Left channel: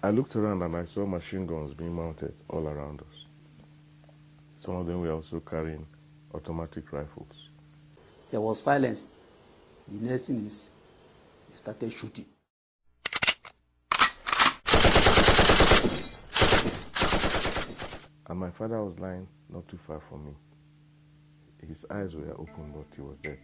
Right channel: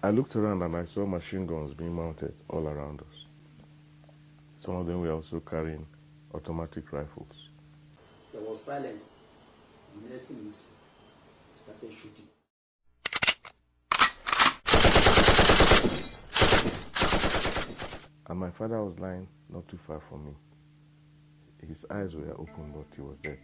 I looked around and I saw machine guns being mounted all around us. Some of them were also carrying automatic rifles. There was silence. The next thing is, they started shooting. And my father was lying not too far from me. His eyes were open, but he was dead.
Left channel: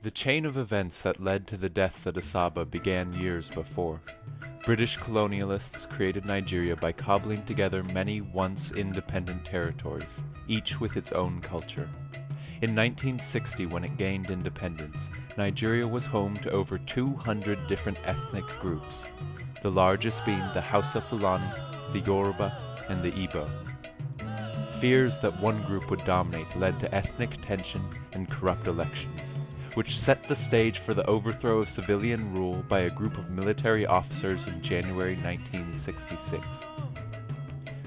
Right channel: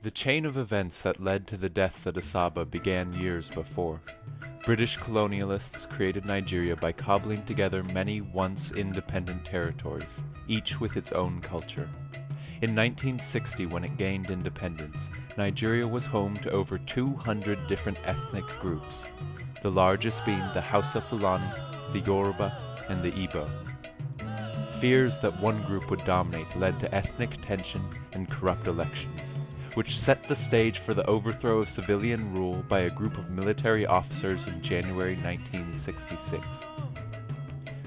The chain of events that led to the deaths at Asaba began years before. British colonialists created Nigeria by cobbling together many once independent territories, each with its own culture. In 1960, when it gained independence, Nigeria was home to over 200 different ethnic groups, the largest being the Hausa Fulani, the Yoruba, and the Igbo. Fears that one group would dominate led to ethnic tension and corrupt elections, which set the stage for the overthrow of civilian rule by a group of military officers in January 1966.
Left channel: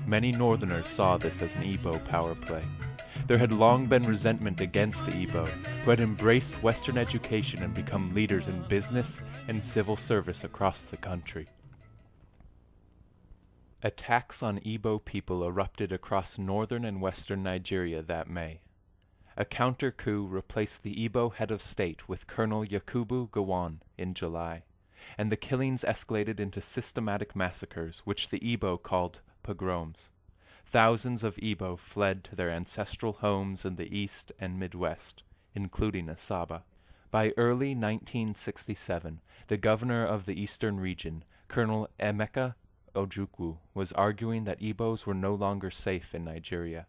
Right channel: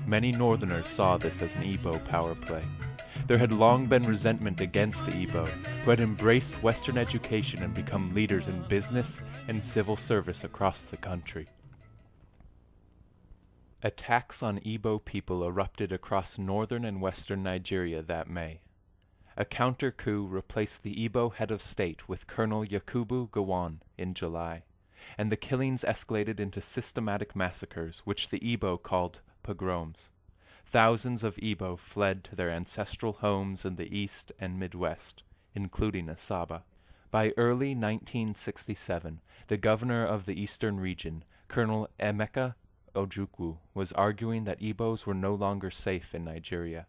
Many Northerners saw this as an Igbo power play. There had long been resentment against the Igbo, who had embraced Western education and become leaders in business and civil service across the country. Attacks on Igbo people erupted across northern and western Nigeria that May. A counter-coup replaced the Igbo head of state with Colonel Yakubu Gowon in July, and the killings escalated into systematic massacres, which the Igbo called pogroms. Thousands of Igbo fled to their ancestral homes in the east and Midwest, including Asaba. By early 1967, the governor of the eastern region, Colonel Emeka Ojukwu, was arguing that Igbos were no longer safe in Nigeria.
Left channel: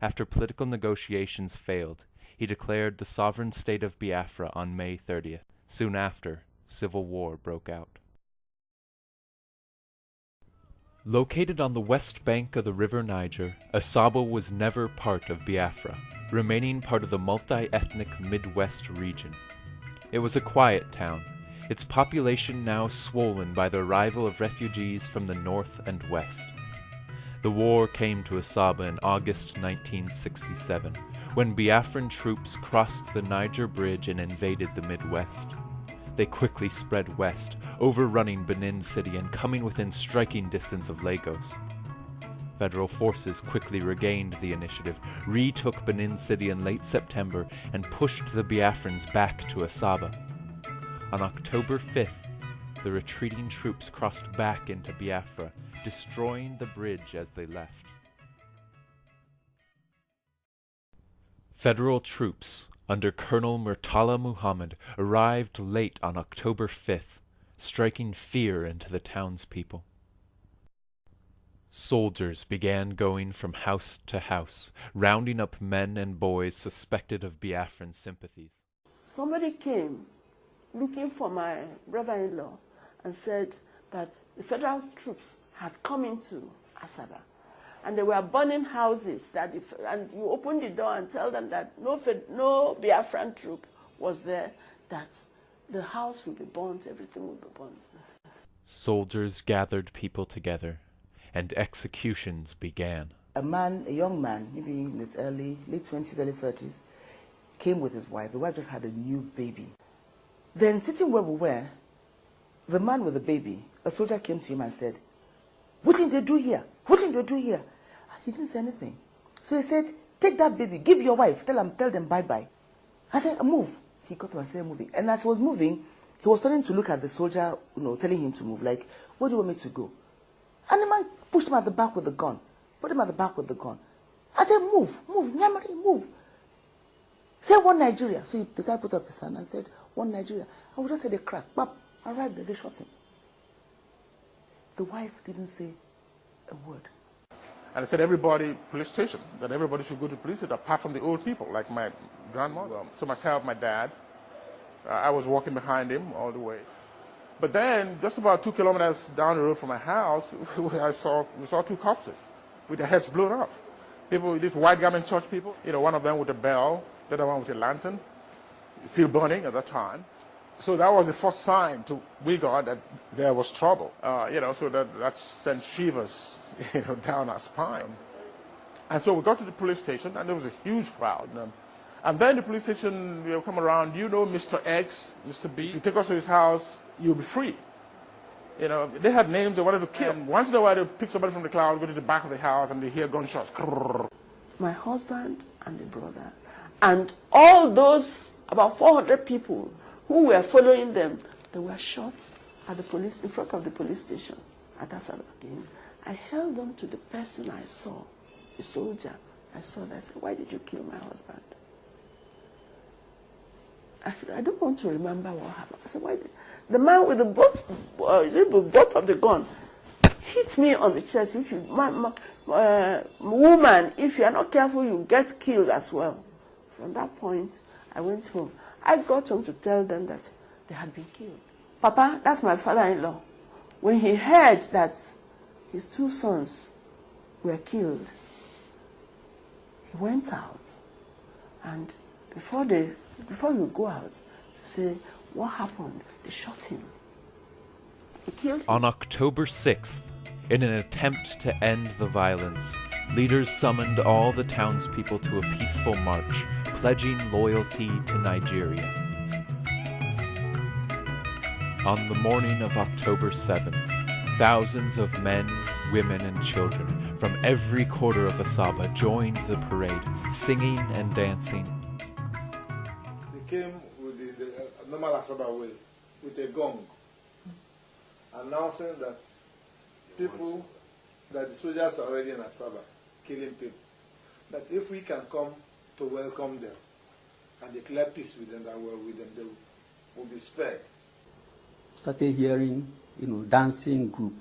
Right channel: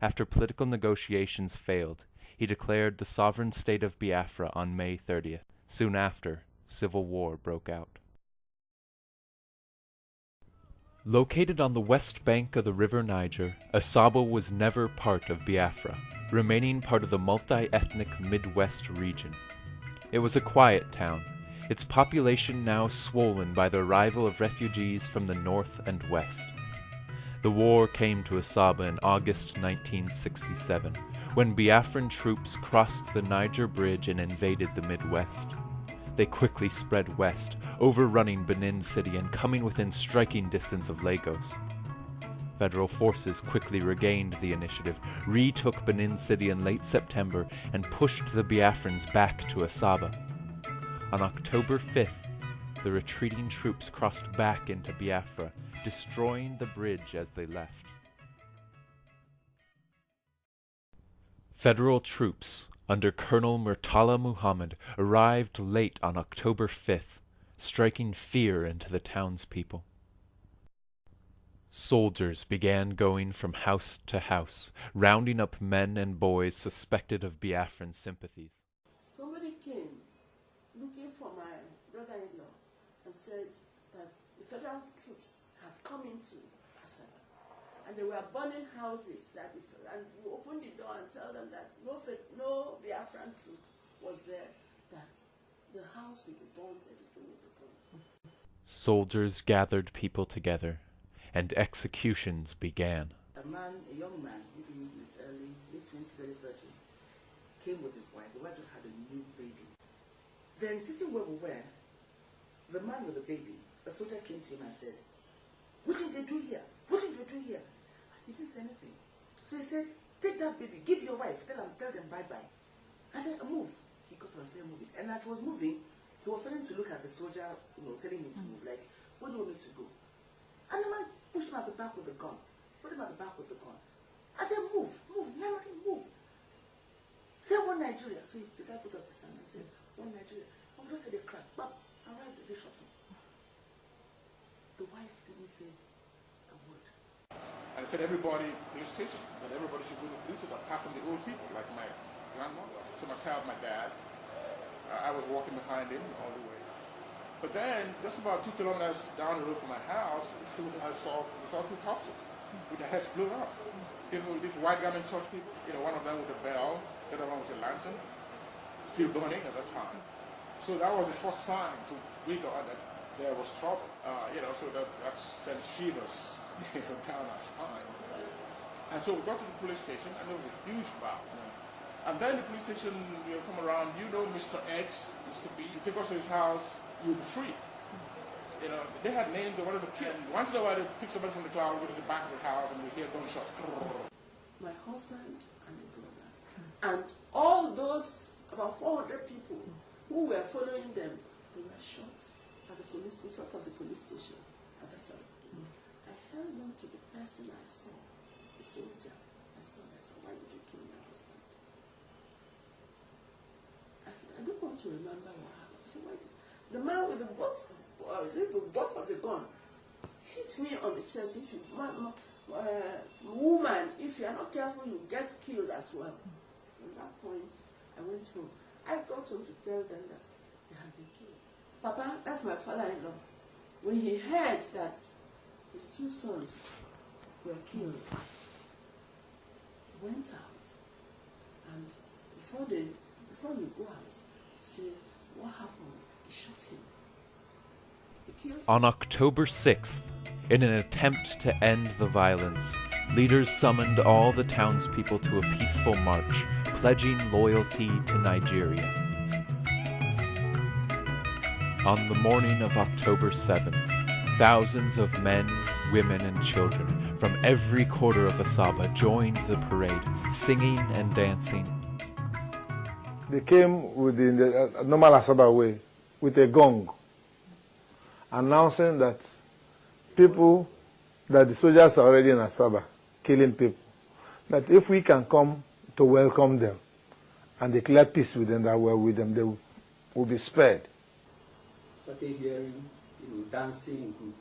After political negotiations failed, he declared the sovereign state of Biafra on May 30th. Soon after, civil war broke out. Located on the west bank of the river Niger, Asaba was never part of Biafra, remaining part of the multi-ethnic Midwest region. It was a quiet town, its population now swollen by the arrival of refugees from the north and west. The war came to Asaba in August 1967, when Biafran troops crossed the Niger Bridge and invaded the Midwest. They quickly spread west, overrunning Benin City and coming within striking distance of Lagos. Federal forces quickly regained the initiative, retook Benin City in late September, and pushed the Biafrans back to Asaba. On October 5th, the retreating troops crossed back into Biafra, destroying the bridge as they left. Federal troops under Colonel Murtala Muhammad arrived late on October 5th, striking fear into the townspeople. Soldiers began going from house to house, rounding up men and boys suspected of Biafran sympathies. Somebody came looking for my brother-in-law and said that the federal troops had come into Asaba and they were burning houses, and you open the door and tell them that no Biafran troop was there, that the house will be burnt, everything will be burnt. Soldiers gathered people together, and executions began. A young man, maybe in his late 20s, early 30s, came with his wife. The wife just had a new baby. Then sitting where we were, the man with the baby, a soldier came to him and said, "What did they do here? What did they do here?" He didn't say anything. So he said, "Take that baby, give your wife, tell them bye-bye." I said, "Move." He got up and started moving. And as he was moving, he was starting to look at the soldier, telling him to move, like, "Where do you want me to go?" And the man pushed him at the back with the gun. Put him at the back with the gun. I said, "Move, Nyamari, move. Say one Nigeria." So the guy put up his hand and said, "One Nigeria." I would just heard a crack. Bap. And right there, they shot him. The wife didn't say a word. And I said, everybody, police station, that everybody should go to police station, apart from the old people, like my grandmother. So myself, my dad, I was walking behind him all the way. But then, just about 2 kilometers down the road from my house, we saw 2 corpses with their heads blown off. People, these white garment church people, one of them with a bell, the other one with a lantern, still burning at that time. So that was the first sign we got that there was trouble. So that sent shivers, down our spines. And so we got to the police station, and there was a huge crowd. And then the police station, come around, Mr. X, Mr. B. If you take us to his house, you'll be free. They had names they wanted to kill. And once in a while, they pick somebody from the crowd, go to the back of the house, and they hear gunshots. My husband and the brother, and all those about 400 people who were following them, they were shot at the police, in front of the police station at Asaba. I held on to the person I saw, the soldier. I said, "Why did you kill my husband?" I don't want to remember what happened. I said, "Why did..." The man with the butt of the gun hit me on the chest. If you, woman, if you are not careful, you get killed as well. From that point, I went home. I got home to tell them that they had been killed. Papa, that's my father-in-law. When he heard that his 2 sons were killed, he went out. And before you go out to say, "What happened?" they shot him. They killed him. On October 6th, in an attempt to end the violence, leaders summoned all the townspeople to a peaceful march, pledging loyalty to Nigeria. On the morning of October 7th, thousands of men, women, and children from every quarter of Asaba joined the parade, singing and dancing. They came with the normal Asaba way, with a gong, announcing that the soldiers are already in Asaba, killing people, that if we can come to welcome them and declare peace with them, that we're with them, they will be spared. Started hearing, dancing group.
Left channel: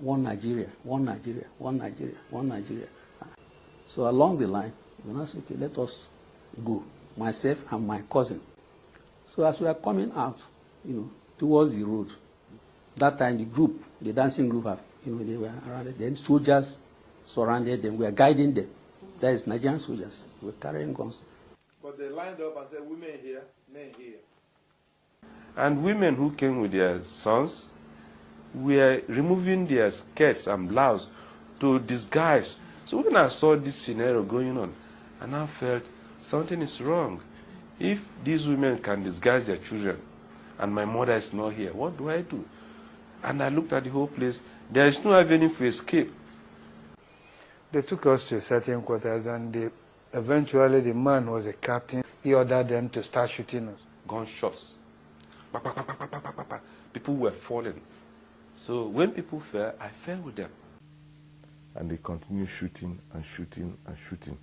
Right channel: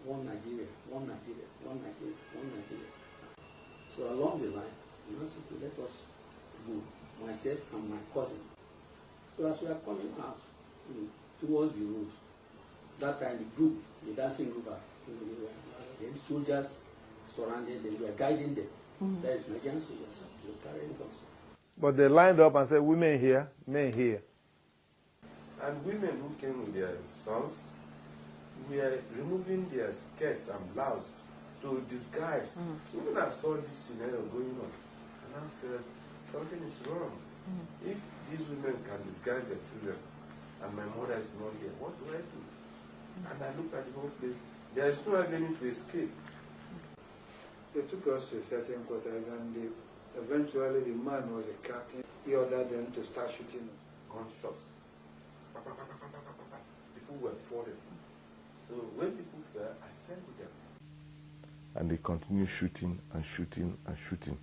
One Nigeria, one Nigeria, one Nigeria, one Nigeria. So along the line, I said, "Okay, let us go," myself and my cousin. So as we are coming out, towards the road, that time the dancing group, they were around it. Then soldiers surrounded them. We are guiding them. That is Nigerian soldiers. We were carrying guns. But they lined up and said, "Women here, men here." And women who came with their sons were removing their skirts and blouse to disguise. So when I saw this scenario going on, and I felt something is wrong. If these women can disguise their children, and my mother is not here, what do I do? And I looked at the whole place. There is no avenue for escape. They took us to certain quarters, and eventually the man was a captain. He ordered them to start shooting us. Gunshots. Pa, pa, pa, pa, pa, pa, pa, pa. People were falling. So when people fell, I fell with them. And they continued shooting and shooting and shooting.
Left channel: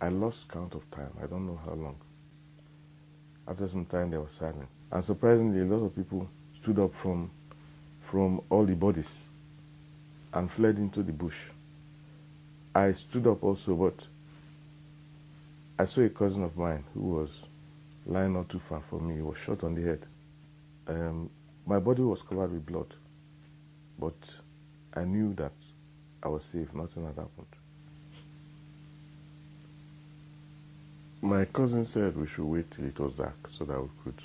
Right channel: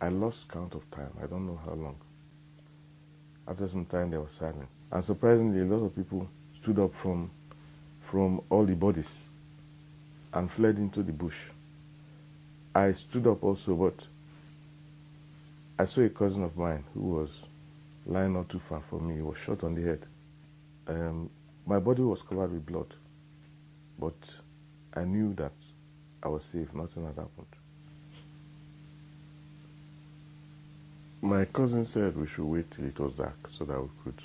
I lost count of time. I don't know how long. After some time, there was silence. And surprisingly, a lot of people stood up from all the bodies and fled into the bush. I stood up also, but I saw a cousin of mine who was lying not too far from me. He was shot on the head. My body was covered with blood, but I knew that I was safe. Nothing had happened. My cousin said we should wait till it was dark so that we could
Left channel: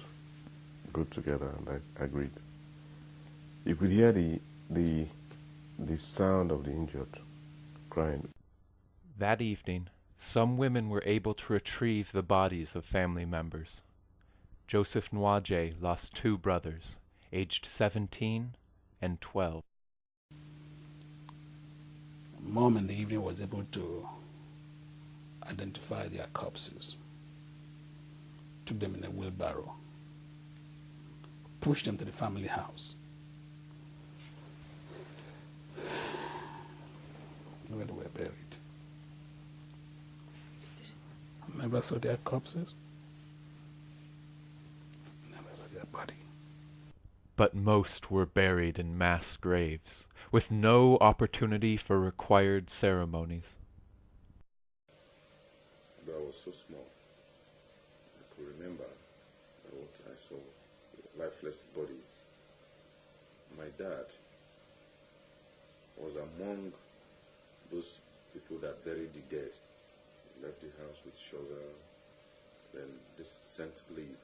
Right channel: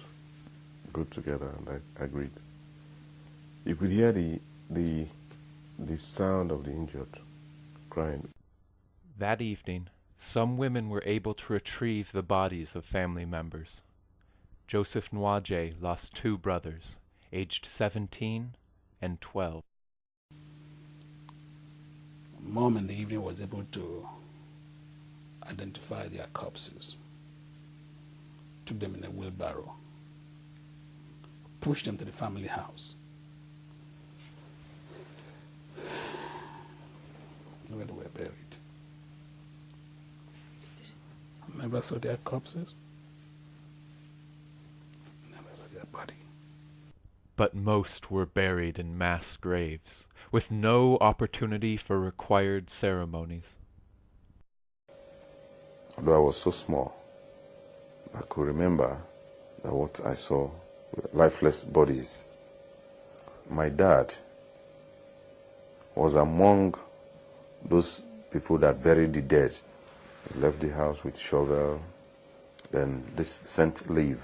go together, and I agreed. You could hear the sound of the injured crying. That evening, some women were able to retrieve the bodies of family members. Joseph Nwaje lost 2 brothers, aged 17 and 12. Mom in the evening was able to identify their corpses, took them in a wheelbarrow, pushed them to the family house, where they were buried. I never saw their corpses, never saw their body. But most were buried in mass graves, with no opportunity for required ceremonies. Although I was so small, I could remember that what I saw were lifeless bodies. My dad was among those people that buried the dead. He left the house with shovel, then this scent leaf,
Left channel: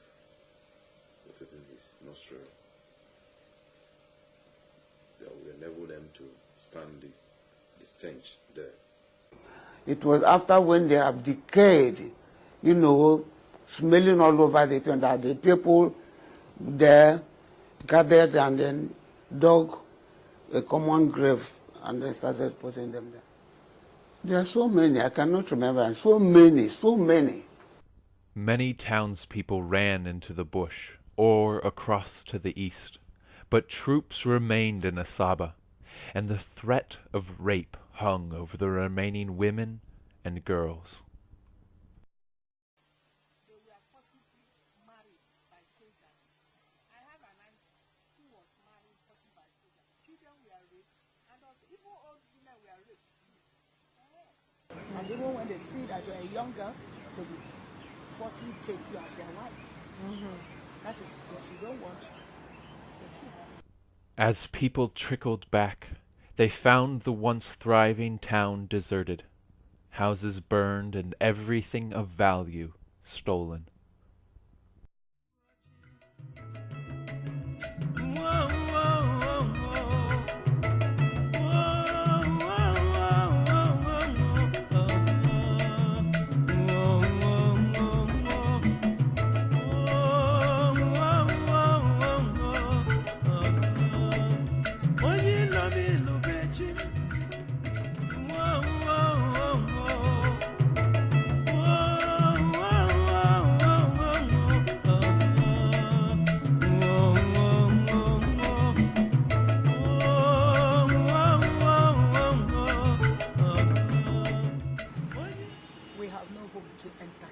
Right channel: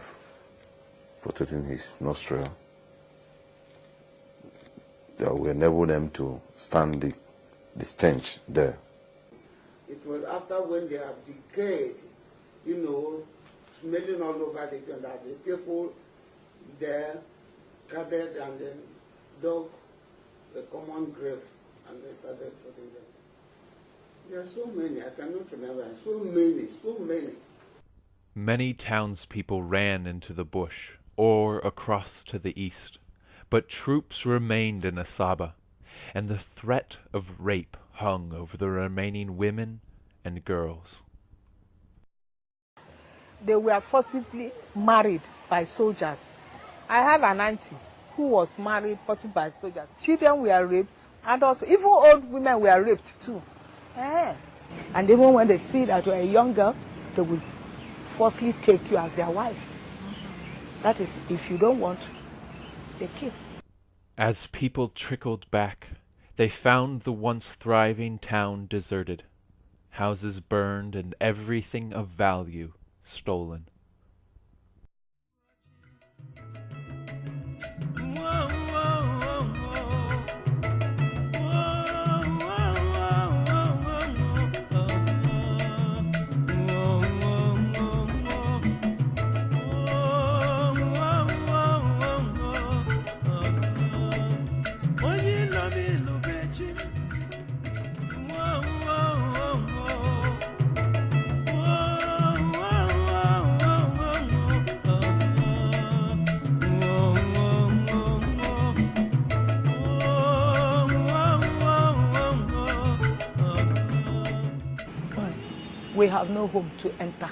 put it in his nostril. That will enable them to stand the stench there. It was after when they have decayed, you know, smelling all over the place, that the people there gathered and then dug a common grave and they started putting them there. There are so many, I cannot remember, so many, so many. Many townspeople ran into the bush or across to the east, but troops remained in Asaba, and the threat of rape hung over the remaining women and girls. They were forcibly married by soldiers. I have an auntie who was married forcibly by soldiers. Children were raped, and also even old women were raped too. And even when they see that you're a young girl, they will forcibly take you as their wife. That is, if you don't want, they kill. As people trickled back, they found the once thriving town deserted, houses burned and everything of value stolen. We have no home to enter,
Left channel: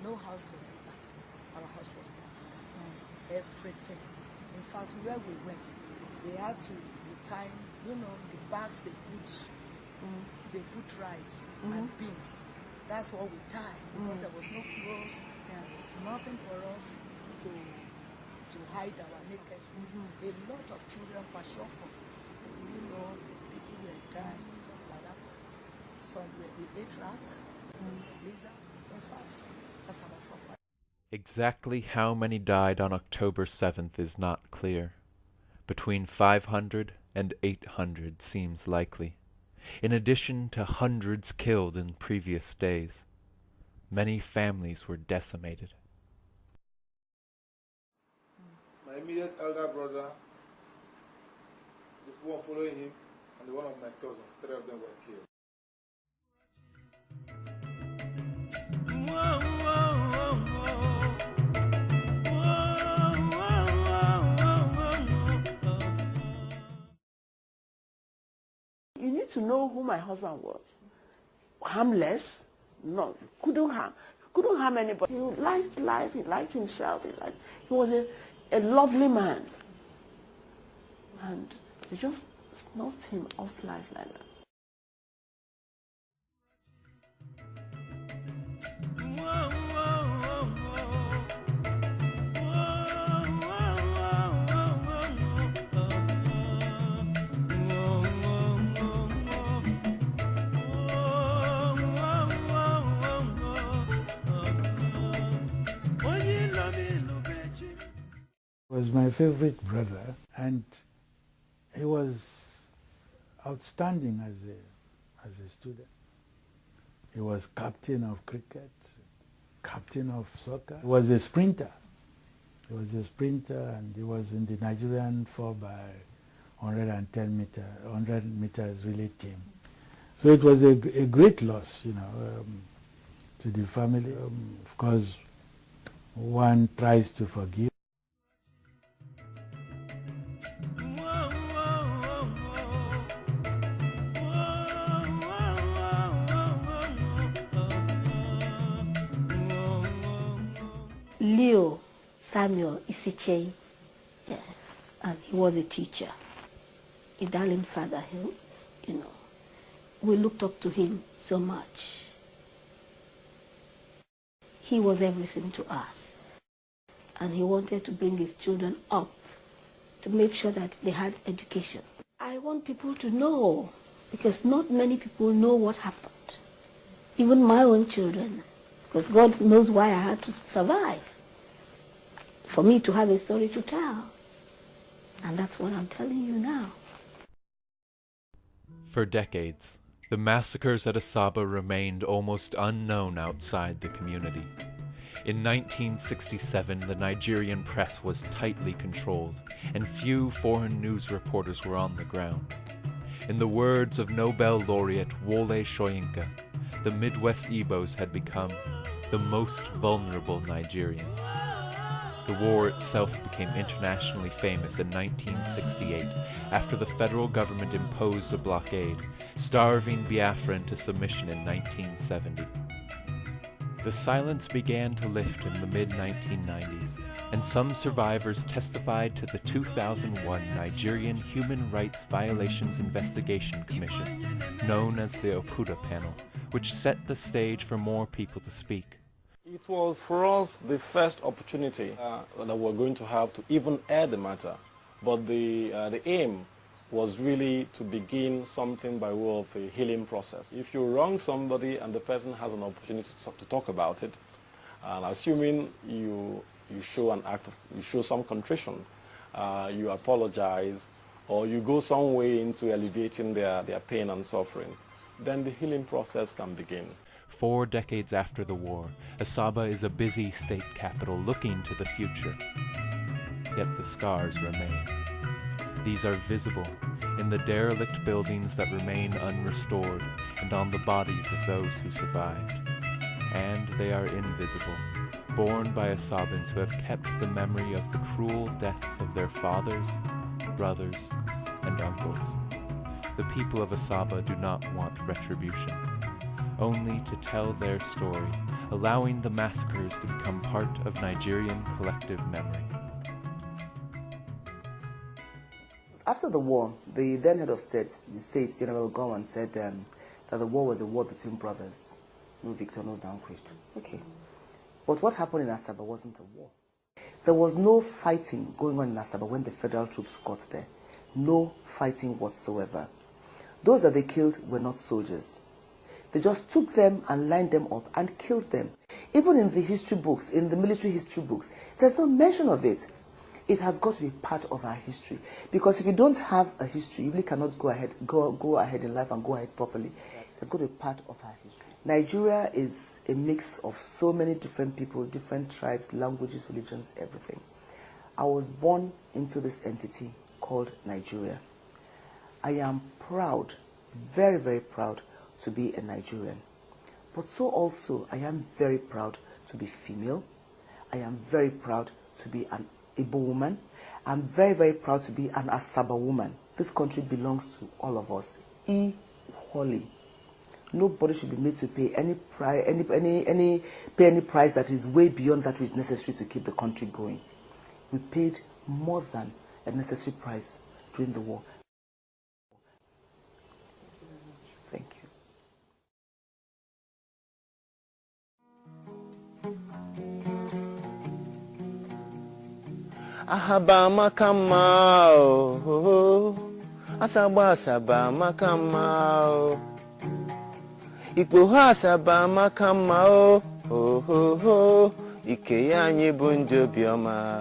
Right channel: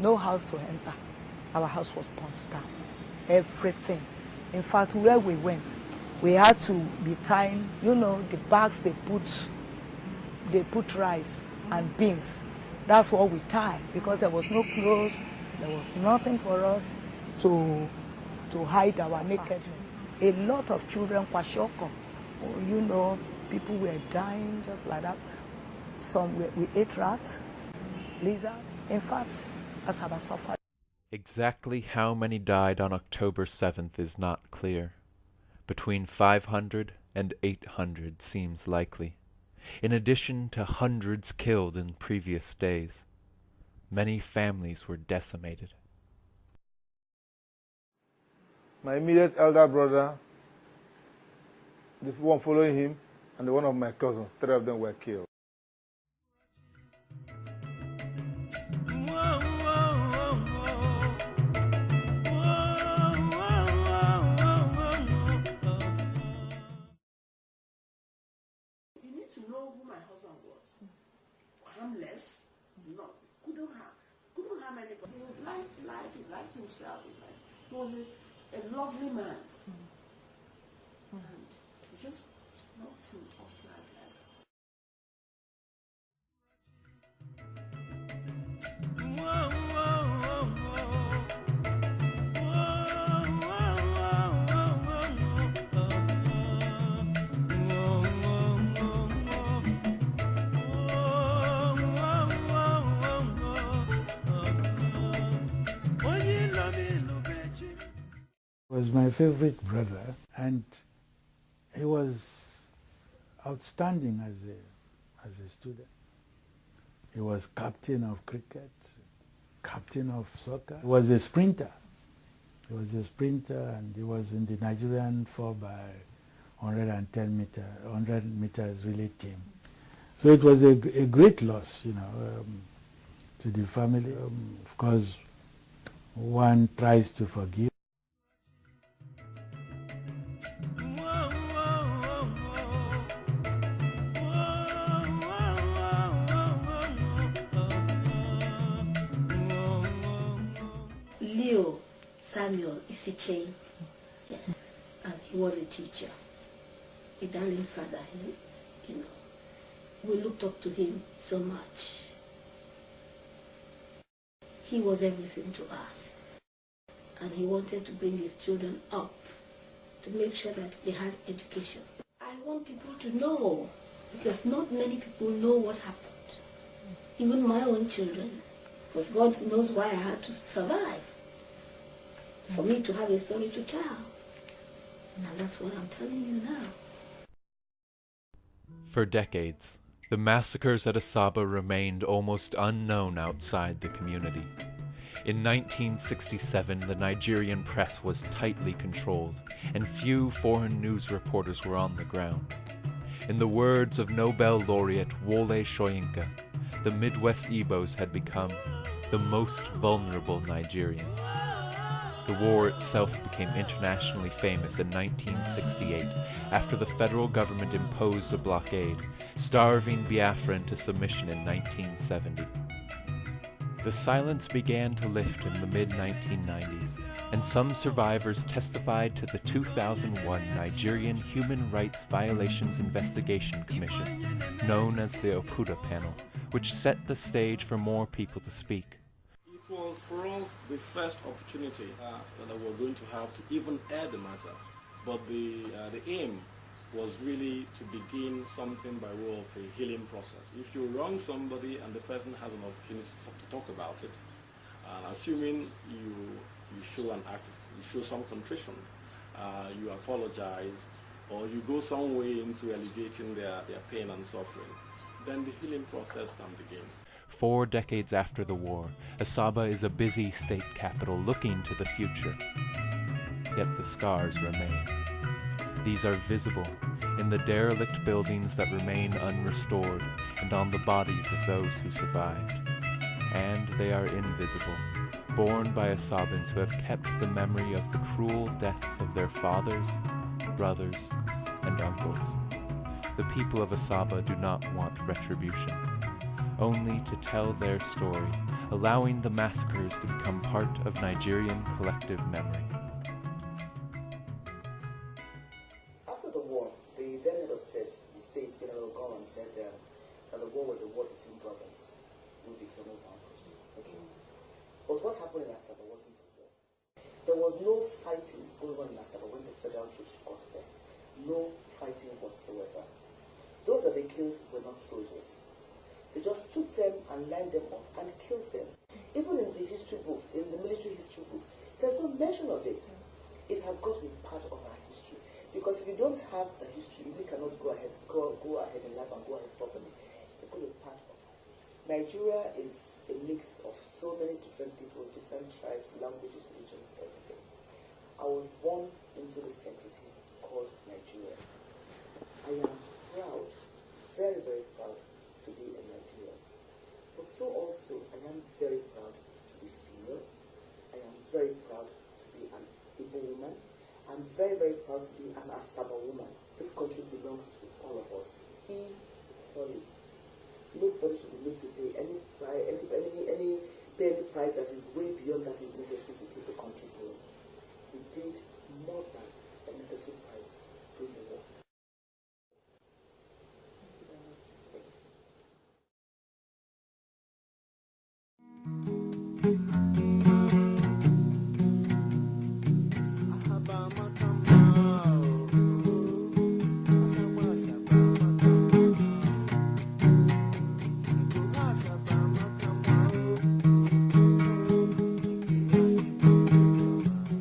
no house to enter. Our house was burnt down. Everything. In fact, where we went, we had to be tying, you know, the bags they put rice and beans. That's what we tied, because there was no clothes, there was nothing for us to hide our nakedness. A lot of children, kwashoko, you know, people were dying just like that. Some we ate rats, lizard. In fact, Asaba suffered. Exactly how many died on October 7th is not clear. Between 500 and 800 seems likely, in addition to hundreds killed in previous days. Many families were decimated. My immediate elder brother, the one following him, and one of my cousins, 3 of them were killed. You need to know who my husband was. Harmless, no, couldn't harm anybody. He liked life, he liked himself, he was a lovely man. And they just knocked him off life like that. Was my favorite brother, and he was outstanding as a student. He was captain of cricket, captain of soccer. He was a sprinter. He was a sprinter, and he was in the Nigerian 100 meters relay team. So it was a great loss, you know, to the family. Of course, one tries to forgive. Leo Samuel Isichei, and he was a teacher, a darling father, you know. We looked up to him so much. He was everything to us, and he wanted to bring his children up to make sure that they had education. I want people to know, because not many people know what happened. Even my own children, because God knows why I had to survive, for me to have a story to tell. And that's what I'm telling you now. For decades, the massacres at Asaba remained almost unknown outside the community. In 1967, the Nigerian press was tightly controlled, and few foreign news reporters were on the ground. In the words of Nobel laureate Wole Soyinka, the Midwest Igbos had become the most vulnerable Nigerians. The war itself became internationally famous in 1968 after the federal government imposed a blockade, starving Biafra into submission in 1970. The silence began to lift in the mid-1990s, and some survivors testified to the 2001 Nigerian Human Rights Violations Investigation Commission, known as the Oputa Panel, which set the stage for more people to speak. It was for us the first opportunity that we're going to have to even air the matter, but the aim was really to begin something by way of a healing process. If you wrong somebody and the person has an opportunity to talk about it, and assuming you show an act, you show some contrition, you apologize, or you go some way into alleviating their pain and suffering, then the healing process can begin. 4 decades after the war, Asaba is a busy state capital looking to the future. Yet the scars remain. These are visible in the derelict buildings that remain unrestored and on the bodies of those who survived. And they are invisible, borne by Asabans who have kept the memory of the cruel deaths of their fathers, brothers, and uncles. The people of Asaba do not want retribution, only to tell their story, allowing the massacres to become part of Nigerian collective memory. After the war, the then head of state, the States, General Gowan, said that the war was a war between brothers. No victor, no vanquished. Okay. But what happened in Asaba wasn't a war. There was no fighting going on in Asaba when the federal troops got there. No fighting whatsoever. Those that they killed were not soldiers. They just took them and lined them up and killed them. Even in the history books, in the military history books, there's no mention of it. It has got to be part of our history. Because if you don't have a history, you really cannot go ahead in life and go ahead properly. It's got to be part of our history. Nigeria is a mix of so many different people, different tribes, languages, religions, everything. I was born into this entity called Nigeria. I am proud, very, very proud to be a Nigerian. But so also, I am very proud to be female. I am very proud to be an Igbo woman. I'm very, very proud to be an Asaba woman. This country belongs to all of us equally. Nobody should be made to pay any price that is way beyond that which is necessary to keep the country going. We paid more than a necessary price during the war. Thank you. Asaba Makamao, Asaba Makamao, Ikuha Asaba Makamao, Ikeyanye Bunjo Bioma.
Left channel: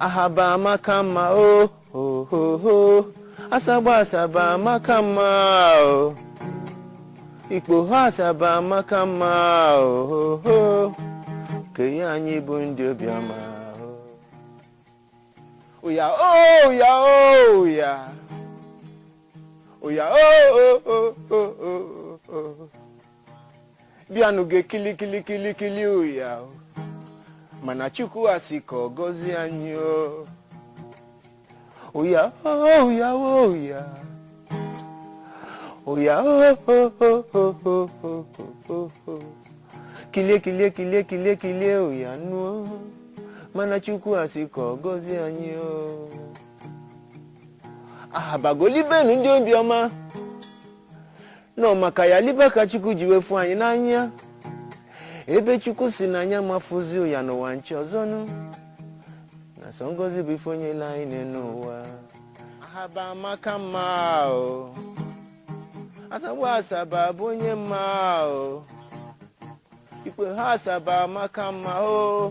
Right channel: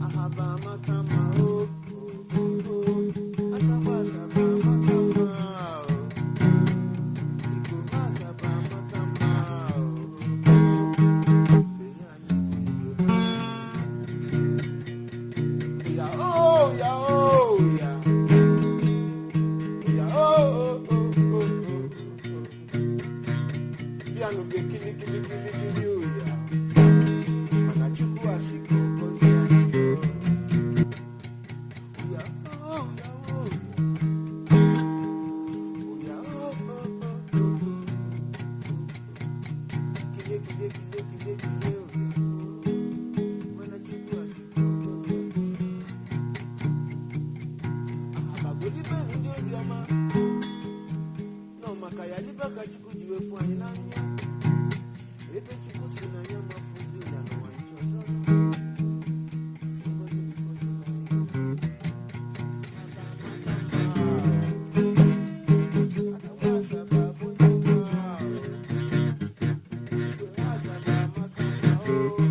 Ahaba makama oh oh oh oh. Asaba makama oh. Ikpo asaba makama oh oh oh. Kaya anyi bundi obioma. Oya oh ya oh ya. Oya oh oh oh oh oh. Bianu ge kili oya. Mana chuku asiko gozi anyi oh. Oya oh ya oh ya. Oya oh oh oh oh oh oh oh. Kile oya no. Mana chuku asiko gozi anyi oh. Bagoli benu ndi obioma. No makaya liba ka chuku jiwe fu anyi n'anya. Ebe chuku si n'anya mafuzi oya no wanchi ozonu. Na songozi bifonye la ine n'ụwa. Ahaba makama o. Asaba asaba bonye ma o. Ikwe asaba makama o.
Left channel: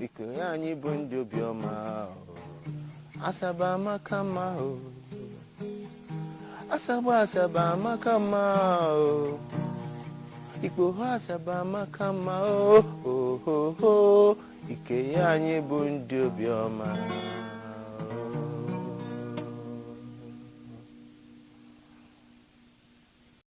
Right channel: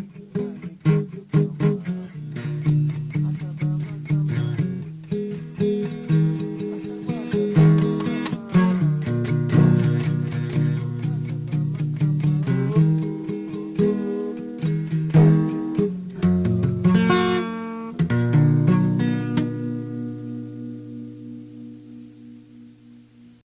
Ikwe anyi bundu bioma o. Asaba makama o. Asaba makama o. Ikwe asaba makama